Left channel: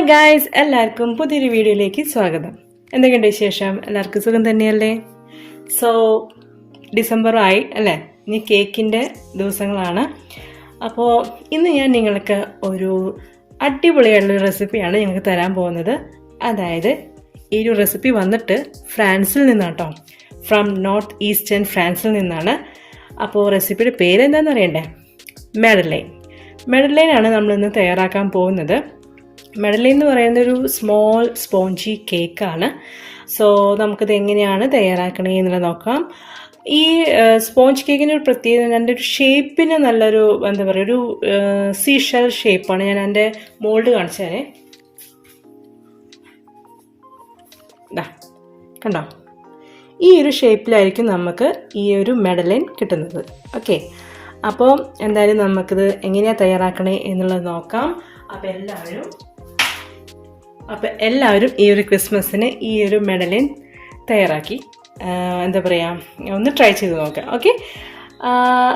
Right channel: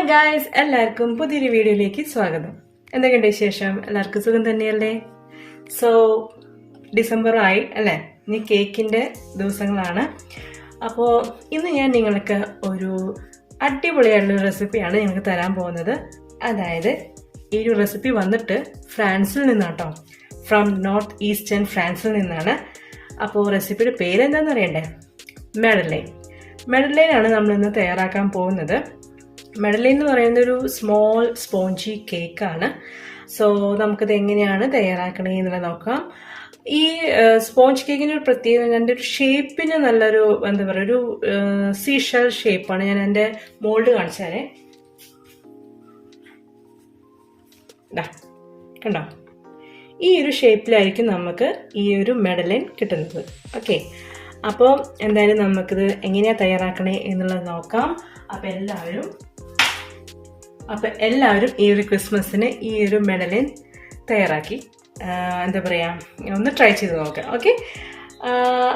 Hi guys, എല്ലാവർക്കും പുതിയൊരു വീഡിയോയിലേക്ക് സ്വാഗതം. എന്തൊക്കെയുണ്ട് വിശേഷം? എല്ലാവർക്കും സുഖം തന്നെയല്ലേ? സോ ഡിസംബർ ആയി അല്ലേ? ഇനി കേക്കിൻ്റെ ദിവസങ്ങളാണ്. അപ്പോൾ ഇന്ന് ഞാൻ നിങ്ങൾക്ക് ഒരു അടിപൊളിയായിട്ടുള്ള റെസിപ്പിയാണ് നിങ്ങൾക്ക് തരാൻ പോകുന്നത്. അതായത് ഈ ഒരു റെസിപ്പി വന്നിട്ട് ഫ്രാൻസിൽ നിന്നാട്ടോ, ഫ്രം നോർത്ത് ഈസ്റ്റേൺ ഫ്രാൻസിൽ നിന്നാണ്. അപ്പോൾ റെസിപ്പിയുടെ പേരെന്താണെന്ന് അറിയണ്ടേ? മെഡലൈൻ ആണ് നമ്മളിന്ന് തയ്യാറാക്കാൻ പോകുന്നത്. മെഡലൈൻ എന്ന് പറയുന്നത് ഒരു സ്മോൾ സ്പോഞ്ചി കേക്കാണ്. സോ നമുക്കിത് എങ്ങനെയാണ് തയ്യാറാക്കണേ എന്നുള്ളത് നോക്കാം. ഈ സ്പോഞ്ച് കേക്കിൻ്റെ ഒരു പ്രത്യേകത, എൻ്റെ ഒരു ഷേപ്പിന് നല്ലൊരു എന്താ പറയുക, ഒരു സീഷൽ ഷേപ്പാണ്. ഞാൻ എൻ്റെ മോൾഡ് കാണിച്ചു തരേ. കണ്ടോ? ഈ ഒരു ഷേപ്പിലായിരിക്കും നമുക്ക് ഈ ഒരു മെഡലൈൻ കിട്ടുന്നത്. ഓക്കെ, അപ്പോൾ എന്തായാലും നമുക്കിത് എങ്ങനെയാണ് തയ്യാറാക്കണേ എന്നുള്ളത് നോക്കാം. അപ്പോൾ എല്ലാവരും ഈ ഒരു ക്രിസ്മസിന് ഈ ഒരു മെഡലൈൻ തയ്യാറാക്കി എന്താ പറയുക, ഒന്ന് ട്രൈ ചെയ്ത് നോക്കാം. ഓക്കെ,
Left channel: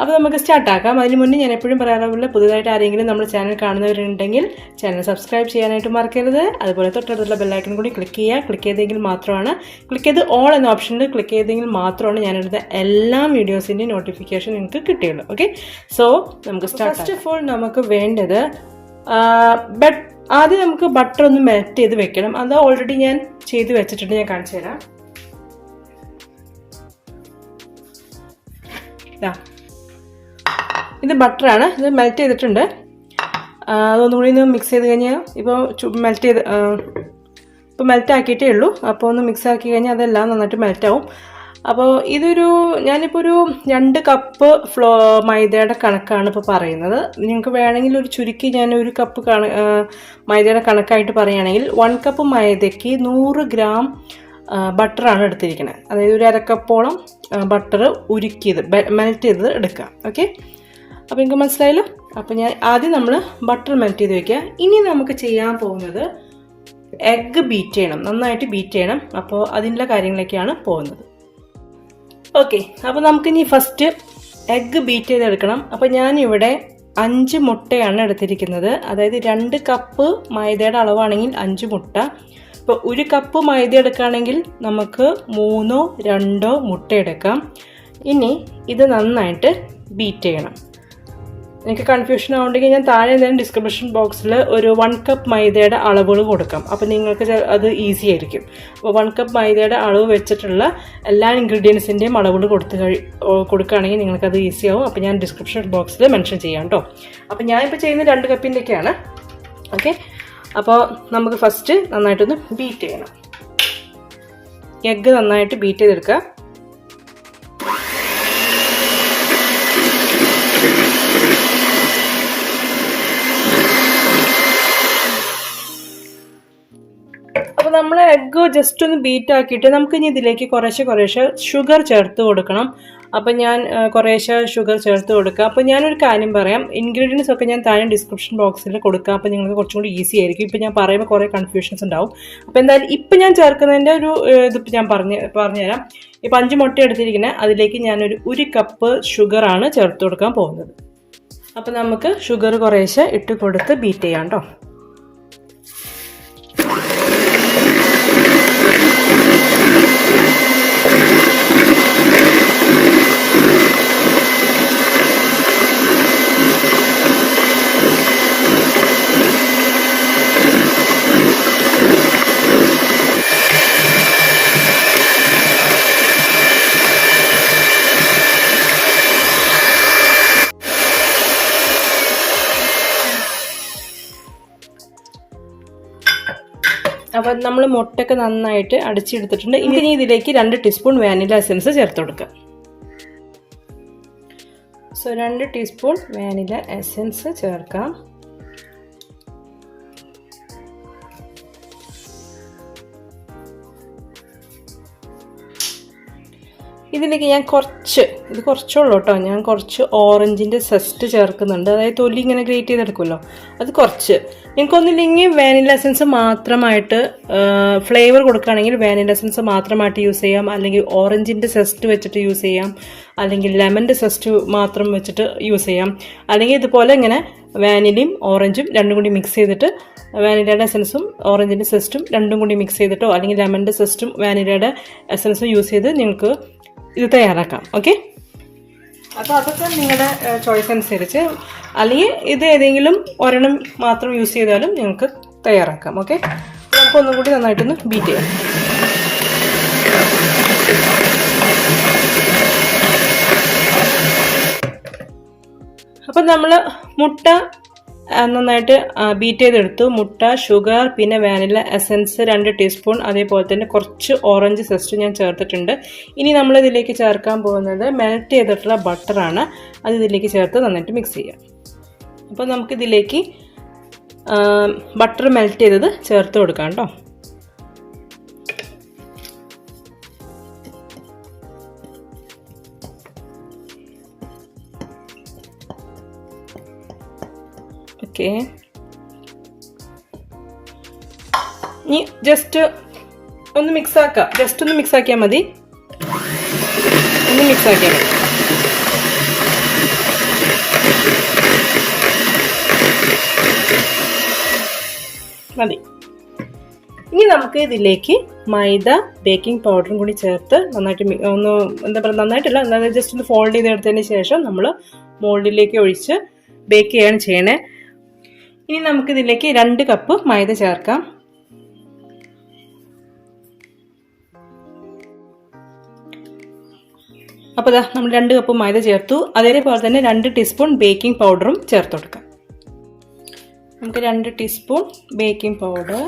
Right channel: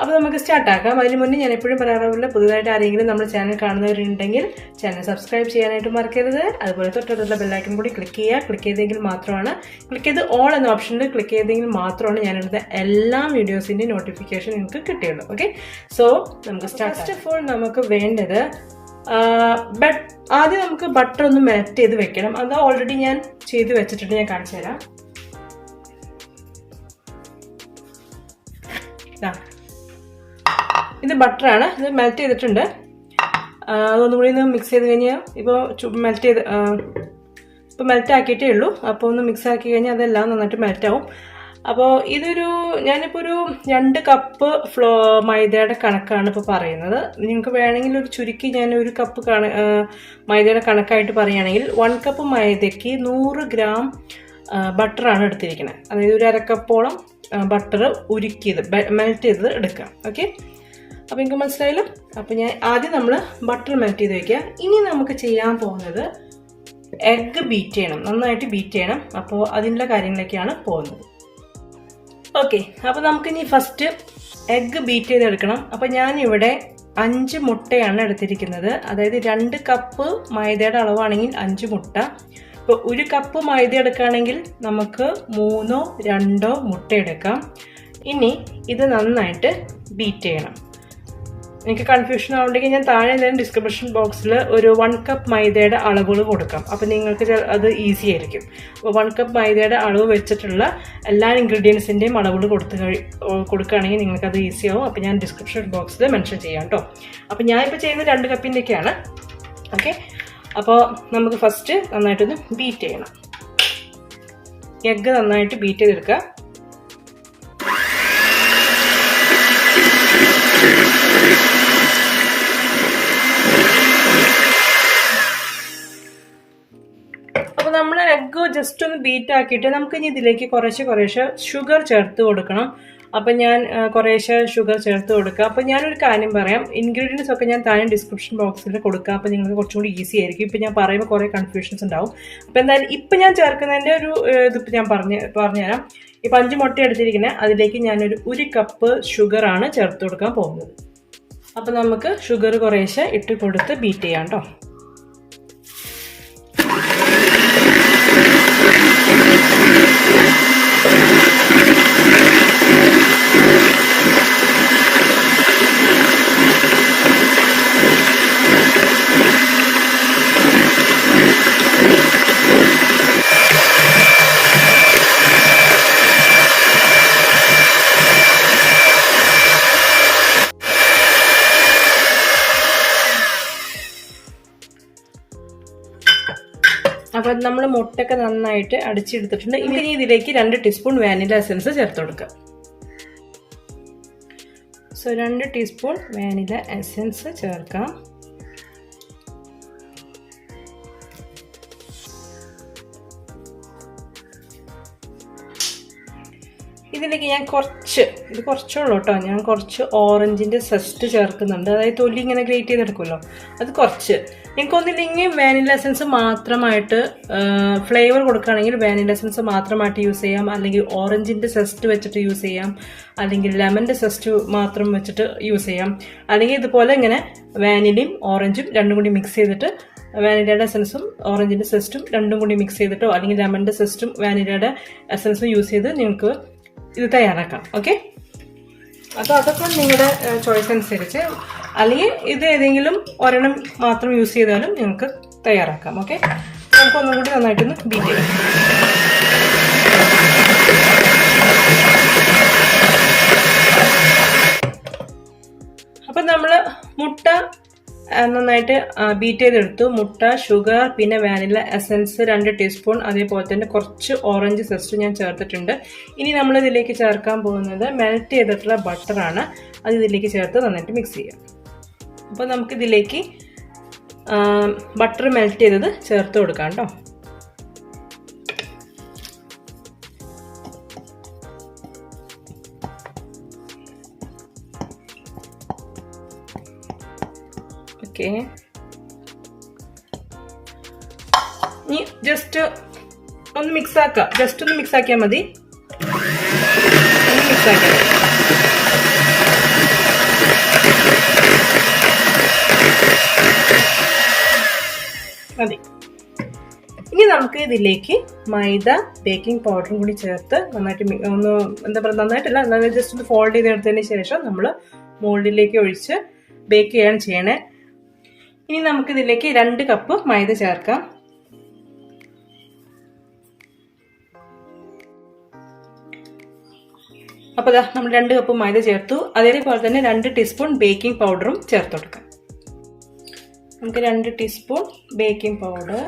അപ്പോൾ നമുക്ക് സ്റ്റാർട്ടാക്കാം. അതിന് മുന്നേ ഞാൻ എപ്പോഴും പറയാറുള്ള, പുതുതായിട്ട് ആരെങ്കിലും നമ്മുടെ ചാനൽ കാണുന്നവരുണ്ടെങ്കിൽ ചാനൽ സബ്സ്ക്രൈബ് ചെയ്യാനായിട്ട് മറക്കരുത്. അതുപോലെ തൊട്ടടുത്തുള്ള ബെല്ലൈക്കൺ കൂടി ക്ലിക്ക് ചെയ്ത് ഓൾ എന്ന ഓപ്ഷനിൽ ക്ലിക്ക് ചെയ്തെങ്കിൽ മാത്രമാണ് ഞാനെടുത്ത എല്ലാ വീഡിയോസിൻ്റെയും നോട്ടിഫിക്കേഷൻ നിങ്ങൾക്ക് കിട്ടുകയുള്ളൂ. ഓക്കെ, സോ നമുക്ക് സ്റ്റാർട്ട്. ഫസ്റ്റ് ഓഫ് ഓൾ നമുക്ക് വേണ്ടത് ആദ്യം നമുക്ക് ബട്ടർ ഒന്ന് മെൽറ്റ് ചെയ്ത് വെക്കണം. അത് ഓൾറെഡി ഞാൻ ചെയ്ത് വെച്ചിട്ടുണ്ട്, ഞാൻ കാണിച്ചു തരാം. ഇത് ബട്ടറാണ്, ഇത് മെൽറ്റ് ചെയ്തിട്ടുണ്ട്. അതൊന്നുകൂടി ഒന്ന് മിക്സ് ചെയ്ത് കഴിഞ്ഞാൽ ഇപ്പോൾ മെൽറ്റ് ആക്കിയിട്ടേ ഉള്ളൂ. അപ്പോൾ ഒന്ന് മിക്സ് ആക്കി കഴിഞ്ഞാൽ അതെല്ലാം നന്നായിട്ട് മെൽറ്റാവും. അപ്പോൾ ഞാനിപ്പോൾ ഒരു 2 കപ്പ് മൈദയുടെ കണക്കാണ് ഇപ്പോൾ പറയുന്നത്. നിങ്ങൾക്ക് വേണമെങ്കിൽ ഒരു ചുരുക്കി ഞാൻ 1 കപ്പ് മൈദയുടെ കണക്കായിട്ട് പറയുകയാണെങ്കിൽ 1 കപ്പ് മൈദയ്ക്ക് 100 ഗ്രാം ബട്ടറാണ് എടുത്തിരിക്കുന്നത്. അതായത് ഒരു 1/2 കപ്പോളം ബട്ടർ ഉരുക്കിയത്, മെൽറ്റ് ചെയ്തത് എടുക്കാം. ഓക്കെ, അപ്പോൾ നിങ്ങൾക്ക് മനസ്സിലായല്ലോ. അപ്പോൾ നമ്മൾ ബട്ടർ മെൽറ്റ് ചെയ്ത് വയ്ക്കുക. ഇനി നമുക്ക് ചെയ്യാൻ പോകുന്നത് എഗ്ഗ് ബീറ്റ് ചെയ്യണം, നന്നായിട്ട് ബീറ്റ് ചെയ്യണം. അപ്പോൾ അതിനുള്ള കാര്യങ്ങളൊക്കെയാണ് പോകുന്നത്. ഓക്കെ, അപ്പോൾ നമുക്കിനി ഫസ്റ്റ് എഗ്ഗ് ബീറ്റ് ചെയ്തെടുക്കണം. അപ്പോൾ ഞാനിവിടെ 5 മുട്ടയാണ് എടുത്തിരിക്കുന്നത്. അതായത് 2 കപ്പ് മൈദയുടെ അളവാണെങ്കിൽ 5 മുട്ട. ഇപ്പോൾ 1 കപ്പ് മൈദ എടുക്കുകയാണെങ്കിൽ നമുക്ക് 3 or 2 മുട്ട എടുക്കാം. ഇനി ഇത് നന്നായിട്ട് ബീറ്റ് ചെയ്യണം. എനിക്ക് കൺഫ്യൂഷൻ ആവുണ്ടെങ്കിൽ ഞാൻ താഴെ ഞാൻ ഡിസ്ക്രിപ്ഷൻ ബോക്സിൽ ഒരു 1 കപ്പ് മൈദയുടെ അളവുകൾ കൊടുക്കാം. അപ്പോൾ നിങ്ങൾക്ക് അത് ഈസി ആയിരിക്കും. അപ്പോൾ 1 കപ്പ് മൈദയുടെ അളവ് വെച്ചിട്ടുള്ള എല്ലാ ഇൻഗ്രീഡിയൻസിൻ്റെയും അളവുകൾ കൊടുക്കുകയാണെങ്കിൽ നിങ്ങൾക്കത് ഈസി ആവും. അപ്പോൾ ഞാൻ ഡിസ്ക്രിപ്ഷൻ ബോക്സിൽ മെൻഷൻ ചെയ്യാം കേട്ടോ. അപ്പോൾ ഞാനിപ്പോൾ ചെയ്യുന്നത് 2 കപ്പിൻ്റെയൊക്കെയാണ്. ഓക്കെ, അപ്പോൾ നമുക്ക് ഫസ്റ്റ് നന്നായിട്ടൊന്ന് ബീറ്റ് ചെയ്യണം. എഗ്ഗ് നന്നായിട്ട് ബീറ്റ് ചെയ്തെടുക്കുക. അപ്പോൾ നമ്മൾ എഗ്ഗ് ജസ്റ്റ് ഒന്ന് ബീറ്റ് ആക്കിയിട്ട് നമുക്ക് ഇനി ഇതിലേക്ക് കുറേശ്ശെ ഷുഗർ ചേർത്ത് കൊടുക്കണം. അപ്പോൾ ഞാൻ കുറേശ്ശെ ഷുഗർ ചേർത്ത് കൊടുക്കുക. അപ്പോൾ ഞാനൊരു കാര്യം പറയാം, ഇൻഗ്രീഡിയൻസ് ഒക്കെ ഞാൻ താഴെ ഡിസ്ക്രിപ്ഷൻ ബോക്സിൽ കൊടുക്കാം. അപ്പോൾ നിങ്ങൾക്ക് കുറച്ചും കൂടി ഈസി ആയിരിക്കും. ഇപ്പോൾ ഞാൻ പറയുമ്പോൾ കുറേ കൺഫ്യൂഷൻസ് ഉണ്ടാവും. അപ്പോൾ എന്തായാലും ഇപ്പം ഞാൻ ചേർക്കുന്നതിൻ്റെ ഒരു ഇതിപ്പോൾ ഞാൻ പറഞ്ഞുതരാം. ഇപ്പോൾ 5 മുട്ട എടുത്തിരിക്കുന്നത്, അതിലേക്ക് ഞാനൊരു 1 കപ്പ് ഷുഗറാണ് ചേർത്ത് കൊടുക്കാൻ പോകുന്നത്. അപ്പോൾ നമുക്ക് ഷുഗർ കുറേശ്ശെ ഇട്ട് കൊടുത്ത് ബീറ്റ് ചെയ്യാം കേട്ടോ. അപ്പോൾ നമ്മൾ മുട്ടയൊക്കെ നന്നായിട്ട് അടിച്ചെടുത്തിട്ടുണ്ട്. ഇനി ഇതിലേക്ക് 2 ടീസ്പൂൺ വാനില എസൻസ് ചേർത്ത് കൊടുക്കുക. സോ 2 ടീസ്പൂൺ വാനില എസൻസ് ചേർക്കാം. ഇതിലേക്ക് ഞാൻ കുറച്ചുള്ളൂ കേട്ടോ, ഞാൻ കുറച്ച് ഓറഞ്ചിൻ്റെ സെസ്റ്റ് ചേർക്കുന്നുണ്ട്. അതായത് തൊലി ഇങ്ങനെ ഗ്രേറ്റ് ചെയ്തെടുക്കുമല്ലോ, അത് കുറച്ച്. നിങ്ങൾക്കൊന്നില്ലെങ്കിൽ വാനില എസൻസ് മാത്രമായിട്ട് ഫ്ലേവർ കൊടുക്കുകയാണെങ്കിൽ വാനില എസൻസ് മാത്രമായിട്ട് യൂസ് ചെയ്യാം, അല്ലെങ്കിൽ ഓറഞ്ചിൻ്റെ സെസ്റ്റ് വെച്ചിട്ട് യൂസ് ചെയ്യാം, അല്ലെങ്കിൽ ലെമൻ്റെ സെസ്റ്റ് മാത്രം വെച്ചിട്ട് യൂസ് ചെയ്യാം. അല്ലെങ്കിൽ ഇതുപോലെ ഇങ്ങനെ വാനിലയും ഓറഞ്ചും രണ്ടും കൂടി മിക്സ് ചെയ്തിട്ട് വാനിലയുടെ എസൻസും ഓറഞ്ചിൻ്റെ സെസ്റ്റും രണ്ടും കൂടി മിക്സ് ചെയ്തിട്ടോ അല്ലെങ്കിൽ ലെമണിൻ്റെ സെസ്റ്റും വാനിലയുടെ എസൻസും യൂസ് ചെയ്ത് നിങ്ങൾക്ക് ഇത് തയ്യാറാക്കാം. ഓക്കെ, അപ്പോൾ അതൊക്കെ നിങ്ങളുടെ ചോയ്സ് അനുസരിച്ച്, അല്ലെങ്കിൽ ഇത് ഏതെങ്കിലും ഒരെണ്ണം മാത്രം യൂസ് ചെയ്താലും നിങ്ങൾക്ക് തയ്യാറാക്കാം. ഓക്കെ, നമുക്ക് ഒന്നും കൂടി നന്നായിട്ടൊന്ന് ബീറ്റ് ചെയ്യാം. അപ്പം നമ്മൾ മുട്ട നന്നായിട്ട് ബീറ്റ് ചെയ്തെടുത്തു. മുട്ട, ഷുഗർ, പിന്നെ വാനില എസൻസ് 2 ടീസ്പൂൺ, അതേപോലെ തന്നെ കുറച്ച് ഓറഞ്ച് സെസ്റ്റ് ഞാൻ ചേർത്തിട്ടുണ്ട്. ഇനി നമ്മൾ ഇതിലേക്ക് ചേർക്കാൻ പോകുന്നത് മെൽറ്റ് ചെയ്തിട്ടുള്ള ബട്ടറാണ്. അത് ഇതിലേക്ക് ചേർത്ത് നന്നായിട്ട് മിക്സ് ചെയ്യാം. അപ്പോൾ നമുക്കിതിലേക്ക് ബട്ടർ മെൽറ്റ് ചെയ്തത് ചേർത്ത് കൊടുക്കാം കേട്ടോ. ഓക്കെ, ഇനി ജസ്റ്റ് ഒന്ന് മിക്സ് ആക്കാം. ജസ്റ്റ് ഒന്ന് മിക്സ് ആക്കിയാൽ മതി. ഒന്ന് മിക്സ് ആക്കിയാൽ മതി. ഇനി നമുക്ക് ഇതിലേക്ക് മൈദ, ബേക്കിംഗ് പൗഡറും കൂടി ചേർത്ത് നന്നായിട്ട് ഒന്ന് എന്താ പറയുക, നന്നായിട്ടല്ല, അതായത് ജസ്റ്റ് ഒന്ന് ഫോൾഡ് ചെയ്തെടുത്തതിന് ശേഷം നമ്മൾ മോൾഡിലേക്ക് ഒഴിച്ച് ബേക്ക് ചെയ്യാണ് ചെയ്യണേ. ഇനി നമുക്കിതിലേക്ക് 2 കപ്പ് മൈദ ചേർക്കാം. അപ്പോൾ ഇതാ നമ്മൾ 2 കപ്പ് മൈദ ചേർത്തു. അതേപോലെ തന്നെ 2 ടീസ്പൂൺ ബേക്കിംഗ് പൗഡറും ചേർത്ത് കൊടുക്കാം. നമുക്ക് 2 ടീസ്പൂൺ ബേക്കിംഗ് പൗഡർ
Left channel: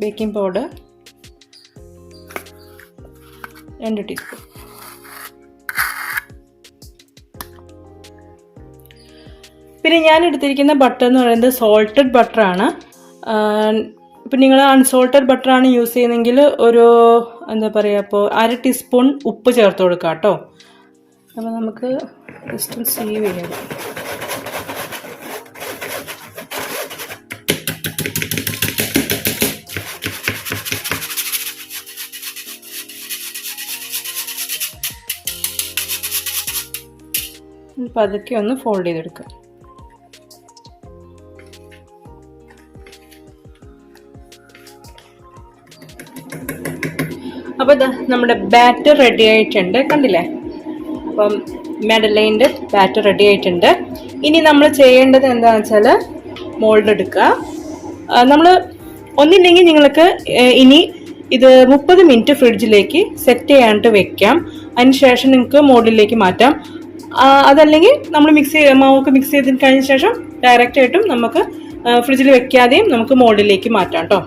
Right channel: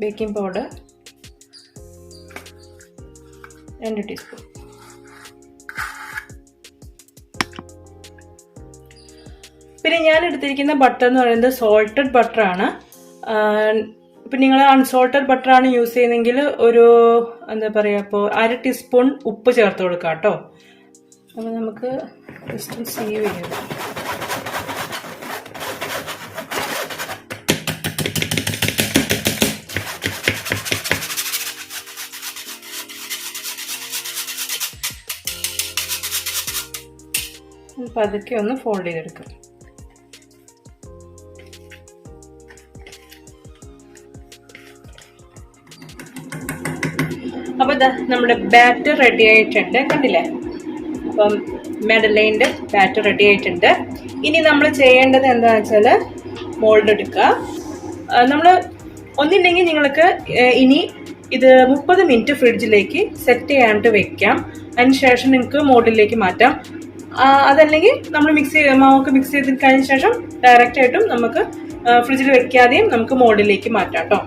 2 ടീസ്പൂൺ. പിന്നെ ഞാൻ എടുത്തിരിക്കുന്ന ബട്ടർ എന്ന് പറയുന്നത് സോൾട്ടഡ് ബട്ടറാണ്. ഇപ്പം നിങ്ങൾ അൺസോൾട്ടഡ് ബട്ടറാണ് യൂസ് ചെയ്യുന്നതെങ്കിൽ ഒരു എന്താ പറയുക, ഇപ്പോൾ 1/2 ടീസ്പൂൺ ഉപ്പ് ചേർത്ത് കൊടുക്കാം കേട്ടോ. അപ്പോൾ നമുക്ക് ജസ്റ്റ് സീവ് ചെയ്യാം. പതുക്കെ ഒന്ന് ഫോൾഡ് ചെയ്തെടുക്കാം. അപ്പോൾ ഇതാ നമ്മുടെ ബാറ്റർ റെഡി ആയിട്ടുണ്ട്, കണ്ടില്ലേ? അപ്പം മെഡലൈൻ്റെ ബാറ്റർ റെഡി ആയിട്ടുണ്ട്. ഇനി നമ്മൾ ചെയ്യേണ്ടത് എന്താണെന്ന് വെച്ചാൽ മോൾഡ് എടുക്കുക. നമ്മൾ ഒന്നില്ലെങ്കിൽ നിങ്ങൾക്ക് ഇനി ഇത് 30 മിനിറ്റ് ഫ്രിഡ്ജിലേക്ക് സെറ്റ് ചെയ്യാനായിട്ട് വെക്കാം. അതിന് ശേഷം നിങ്ങൾക്ക് മോൾഡിലേക്ക് മാറ്റാം. അതല്ലെങ്കിൽ നമ്മൾ മാവൊക്കെ മിക്സ് ചെയ്ത് കഴിഞ്ഞ ശേഷം ഡയറക്റ്റ് ആയിട്ടും നമുക്ക് ഫ്രിഡ്ജിൽ വെക്കാതെയും നമുക്ക് മോൾഡിലേക്ക് മാറ്റാം കേട്ടോ.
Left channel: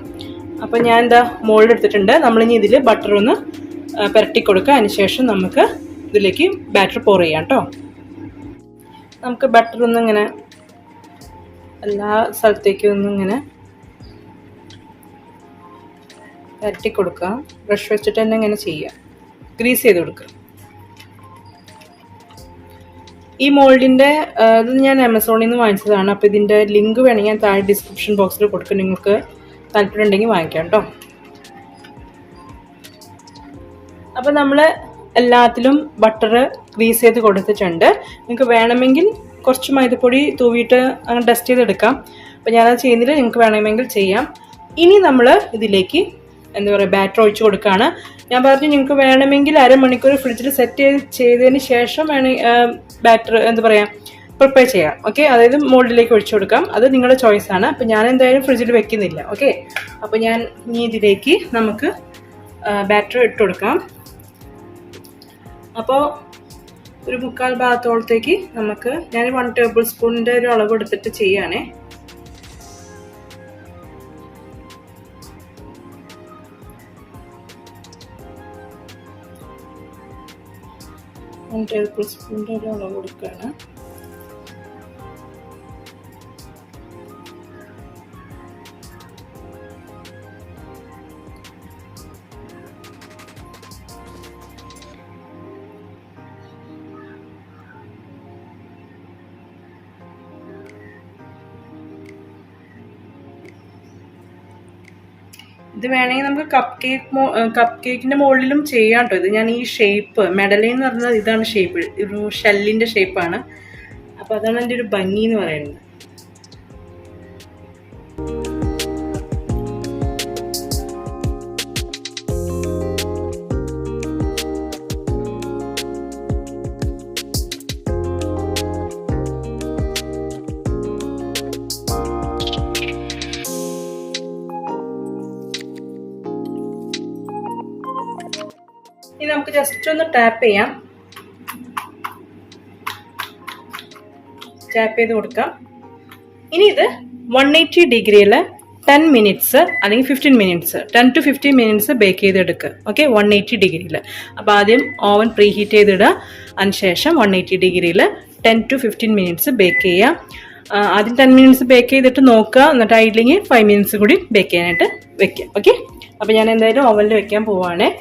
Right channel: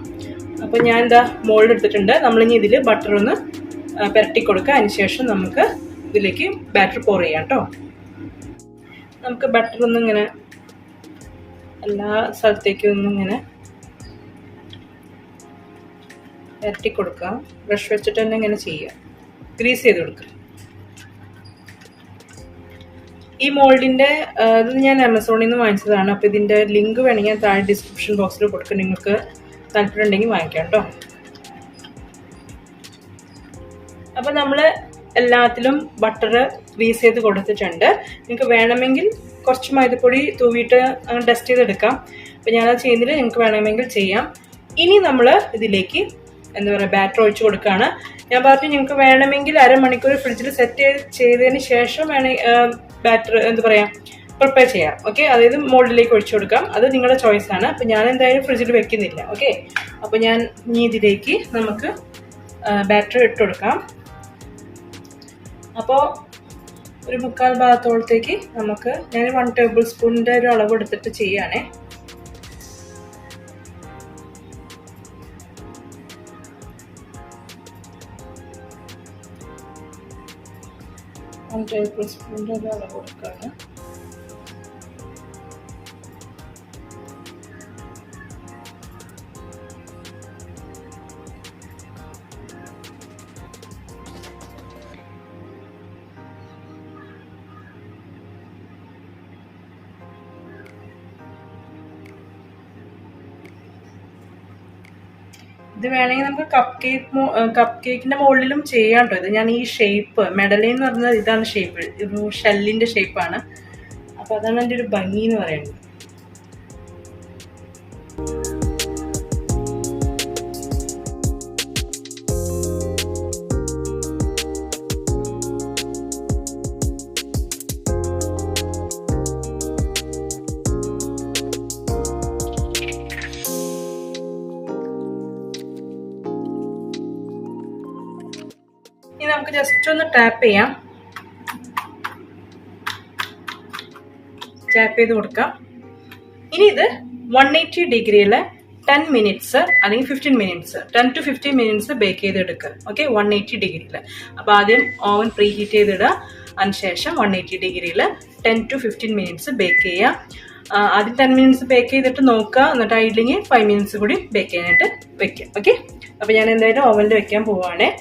അപ്പോൾ ഞാൻ എന്താ മോൾഡ് എടുത്തിട്ടുണ്ട്. നമ്മളിനി ഇതിൽ ബട്ടർ ഒന്ന് പുരട്ടി കൊടുക്കുക. അതിന് ശേഷം നമുക്ക് ഇതിലേക്ക് ബാറ്റർ പോർ ചെയ്യാം കേട്ടോ. നമുക്ക് ബട്ടർ ഒന്നിങ്ങനെ എല്ലാ സ്ഥലത്തേക്കും ഒന്നിങ്ങനെ പുരട്ടി കൊടുക്കുക. ബ്രഷ് വെച്ചിട്ട് തന്നെ ഇങ്ങനെ ചെയ്യുക, ഗ്രീസ് ചെയ്ത് കൊടുക്കുക. ഈ മോൾഡിൻ്റെ ഇത് ഞാൻ ആമസോണിൽ നിന്ന് വാങ്ങിച്ചതാണ്. അപ്പോൾ ഇതിൻ്റെ ലിങ്ക് വേണമെങ്കിൽ ഞാൻ താഴെ ഡിസ്ക്രിപ്ഷൻ ബോക്സിൽ കൊടുക്കും. നിങ്ങൾക്ക് താല്പര്യം ഉണ്ടെങ്കിൽ വാങ്ങിക്കാം കേട്ടോ. അപ്പോൾ നമ്മൾ എല്ലാത്തിലും ബട്ടർ ഗ്രീസ് ചെയ്ത് കൊടുത്തിട്ടുണ്ട്. നിങ്ങൾക്ക് വേണമെങ്കിൽ കുറച്ച് മൈദപ്പൊടി തൂവിയിട്ട് അങ്ങനെ ഡസ്റ്റ് ചെയ്തെടുക്കാം. അപ്പോൾ ഞാനത് ചെയ്യുന്നില്ല, നിങ്ങൾക്ക് വേണമെങ്കിൽ ചെയ്യാം. ഇനി നമ്മൾ ഇതിലേക്ക് എന്താ പറയുക ബാറ്റർ ഒഴിച്ച് കൊടുക്കുകയാണ്. ഞാൻ പറഞ്ഞു നിങ്ങൾക്ക് വേണമെങ്കിൽ 1/2 മണിക്കൂർ ഫ്രിഡ്ജിൽ സെറ്റ് ചെയ്തതിന് ശേഷം ബാറ്റർ എന്താ പറയുക പ്രിപ്പയർ ചെയ്യാം. ഓക്കെ, അതായത് മോൾഡിലേക്ക് ഒഴിച്ചു കൊടുക്കാം. അത് നിങ്ങളുടെ ചോയ്സാണ്. അപ്പോൾ ഞാൻ എന്തായാലും ഫ്രിഡ്ജിൽ വെക്കുന്നില്ല. ഓക്കെ, അപ്പോൾ ഞാൻ ഇനി ഇതിലേക്ക് നമുക്ക് ബാറ്റർ ഇട്ട് കൊടുക്കാം. അപ്പോൾ ഒരു 3/4 ഭാഗത്തോളത്തേക്ക് നമുക്ക് ഞാൻ 1 ടേബിൾ സ്പൂണിൻ്റെ ഒരു അളവ് എടുത്തിട്ട് ചെയ്യുകയാണേ. ടേബിൾ സ്പൂണിൻ്റെ ഒരു അളവ് കൊടുക്കുകയാണ്. ഇത് വേണമെങ്കിൽ നമുക്ക് കപ്പ് കേക്കിൻ്റെ മുകളിലും ചെയ്യാം കേട്ടോ. ഇത് ഞാൻ ഈ ഷേപ്പ് മെഡലൈൻ എന്ന് പറഞ്ഞാൽ ഇതാണ് ഷേപ്പ്, ഒരു ഷെല്ലിൻ്റെ ഷേപ്പാണ്. അപ്പോൾ അതാണ് എൻ്റെ ഒരു ഭംഗി എന്ന് പറയുന്നത്. ഇനി നമുക്ക് ജസ്റ്റ് ഒന്ന് ടാപ്പ് ചെയ്യാം. ടാപ്പ് ചെയ്ത് കൊടുക്കാം. ഇനി ഇത് 180 ഡിഗ്രിയിൽ 10 മിനിറ്റ്സ് അല്ലെങ്കിൽ 15 മിനിറ്റ്സ് 10 to 15 മിനിറ്റ്സ് ബേക്ക് ചെയ്തെടുക്കുക. ഓക്കെ, 180 ഡിഗ്രിയിൽ. അപ്പോൾ ആദ്യം ഓവൻ പ്രീ ഹീറ്റ് ചെയ്തിടുക. അതിനുശേഷം 180 ഡിഗ്രിയിൽ 10 to 15 മിനിറ്റ്സ് ബേക്ക് ചെയ്യുക. ആദ്യം 10 മിനിറ്റ്സ് ബേക്ക് ചെയ്തിട്ട് നോക്കുക. എന്നിട്ട് ആയില്ലെങ്കിൽ 5 മിനിറ്റ്സ് കൂടി ബേക്ക് ചെയ്യാനായിട്ട് വെക്കുക. ഓക്കെ, അപ്പോൾ ഞാൻ എന്തായാലും ഓവനിൽ വെക്കാൻ പോവുകയാണേ.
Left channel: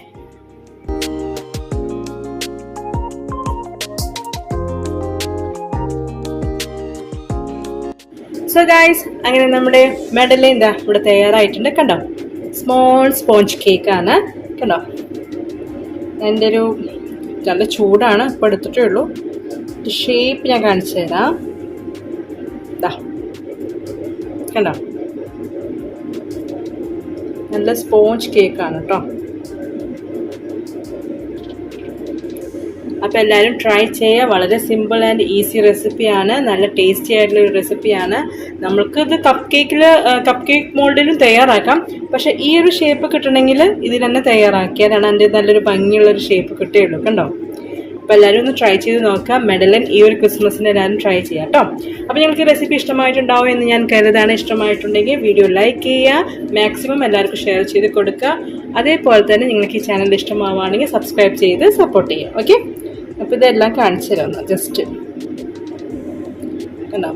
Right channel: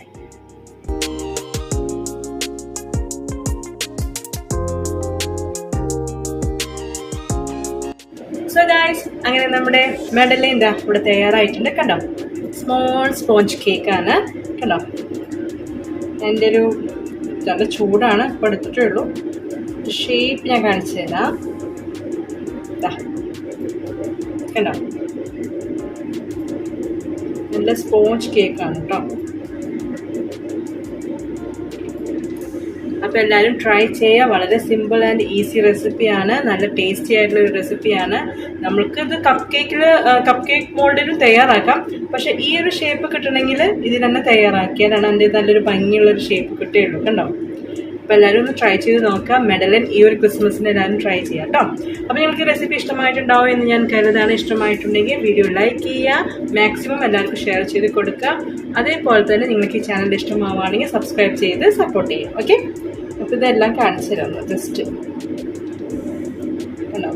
സോ ഗൈസ്, അങ്ങനെ നമ്മുടെ മെഡലൈൻ ദാ ഇവിടെ തയ്യാറായിട്ടുണ്ട്. കണ്ടോ, സ്മോൾ സ്പോഞ്ച് കേക്കാണ്. കണ്ടോ, എൻ്റെ ഒരു നല്ല ചൂടാണ്, ഇപ്പോൾ എടുത്തിട്ടേ ഉള്ളൂ. ഷേപ്പ് ഞാൻ കാണിച്ചു തരാം. കണ്ടോ, നല്ല സ്പോഞ്ച് കേക്കാണ് കേട്ടോ. അപ്പോൾ എല്ലാവരും ട്രൈ ചെയ്യുക. വളരെ സിമ്പിൾ ആൻഡ് ഈസി റെസിപ്പിയാണ്. നല്ല ടേസ്റ്റി ആയിട്ടുള്ള ഒരു റെസിപ്പിയാണ്. നമ്മൾക്ക് ഇത് കപ്പ് കേക്ക് മോൾഡിലും തയ്യാറാക്കാം. പക്ഷേ ഈ ഒരു ഷേപ്പ് കിട്ടണമെങ്കിൽ ഇതിൽ തന്നെ തയ്യാറാക്കിയതാണ് എൻ്റെ നല്ലൊരു ഭംഗിയുള്ളൊരു ഷേപ്പ് കിട്ടുകയുള്ളൂ. കണ്ടോ, അപ്പോൾ എല്ലാവരും ഒന്ന് ട്രൈ ചെയ്ത് നോക്കാം. മെഡലൈൻ ഈ ഒരു ക്രിസ്മസിന് എല്ലാവരും ട്രൈ ചെയ്യാം കേട്ടോ. അപ്പോൾ നിങ്ങൾക്ക് ഈ റെസിപ്പി ഇഷ്ടമായിട്ടുണ്ടാവും എന്ന് ഞാൻ കരുതാണ്. ഇഷ്ടമായിട്ടുണ്ടെങ്കിൽ വീഡിയോ ലൈക്ക് ചെയ്യുക, മാക്സിമം എല്ലാവർക്കും ഷെയർ ചെയ്ത് കൊടുക്കുക. അതേപോലെ തന്നെ നിങ്ങൾക്ക് ഈ ചാനൽ ഇഷ്ടമാവുകയാണെങ്കിൽ സബ്സ്ക്രൈബ് ചെയ്ത് സപ്പോർട്ട് ചെയ്യുക. ഓക്കെ, അപ്പോൾ ഇതെല്ലാം കാണിച്ചു തരാം. ജസ്റ്റ് കണ്ടോ,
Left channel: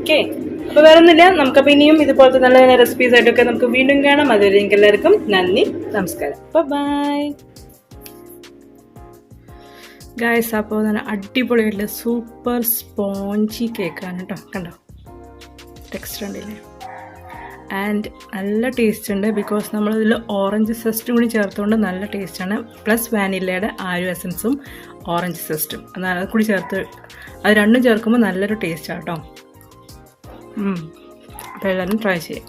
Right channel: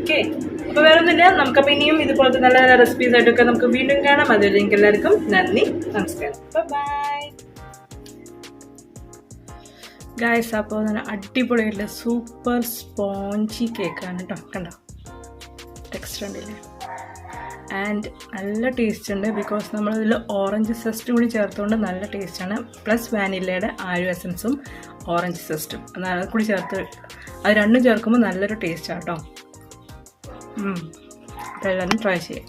ഓക്കെ. അപ്പോൾ വേറെ ഒന്നുമില്ല. നമുക്കപ്പോൾ ഇനിയും ഇതുപോലത്തെ നല്ല നല്ല റെസിപ്പീസ് ആയിട്ടൊക്കെ നമുക്ക് വീണ്ടും കാണാം. അതുവരെ നിങ്ങൾക്ക് എല്ലാവർക്കും നന്ദി, നമസ്കാരം, ബൈ. ഗായ്സ്, അപ്പോൾ നല്ല അടിപൊളിയായിട്ടുള്ള സൂപ്പർ സ്പോഞ്ചി കേക്കാണ് കേട്ടോ. കണ്ടോ, ടെക്സ്ചർ ഉണ്ടല്ലേ, ആൻഡ് നല്ല ടേസ്റ്റ് ഉണ്ട്. ബിക്കോസ് നമ്മളതിൽ ഓറഞ്ച് സെസ്റ്റും കൂടി ചേർത്തുകൊണ്ട് നല്ല ടേസ്റ്റാണ്. പ്ലസ് വാനിലയുടെ ആരു എസൻസും ഓറഞ്ച് സെസ്റ്റും അത് കൂടി ചേർത്ത്, അത് രണ്ടും ചേർക്കുമ്പോൾ നല്ലൊരു ടേസ്റ്റാണ് കേട്ടോ. അപ്പോൾ എല്ലാവരും ട്രൈ ചെയ്യാം.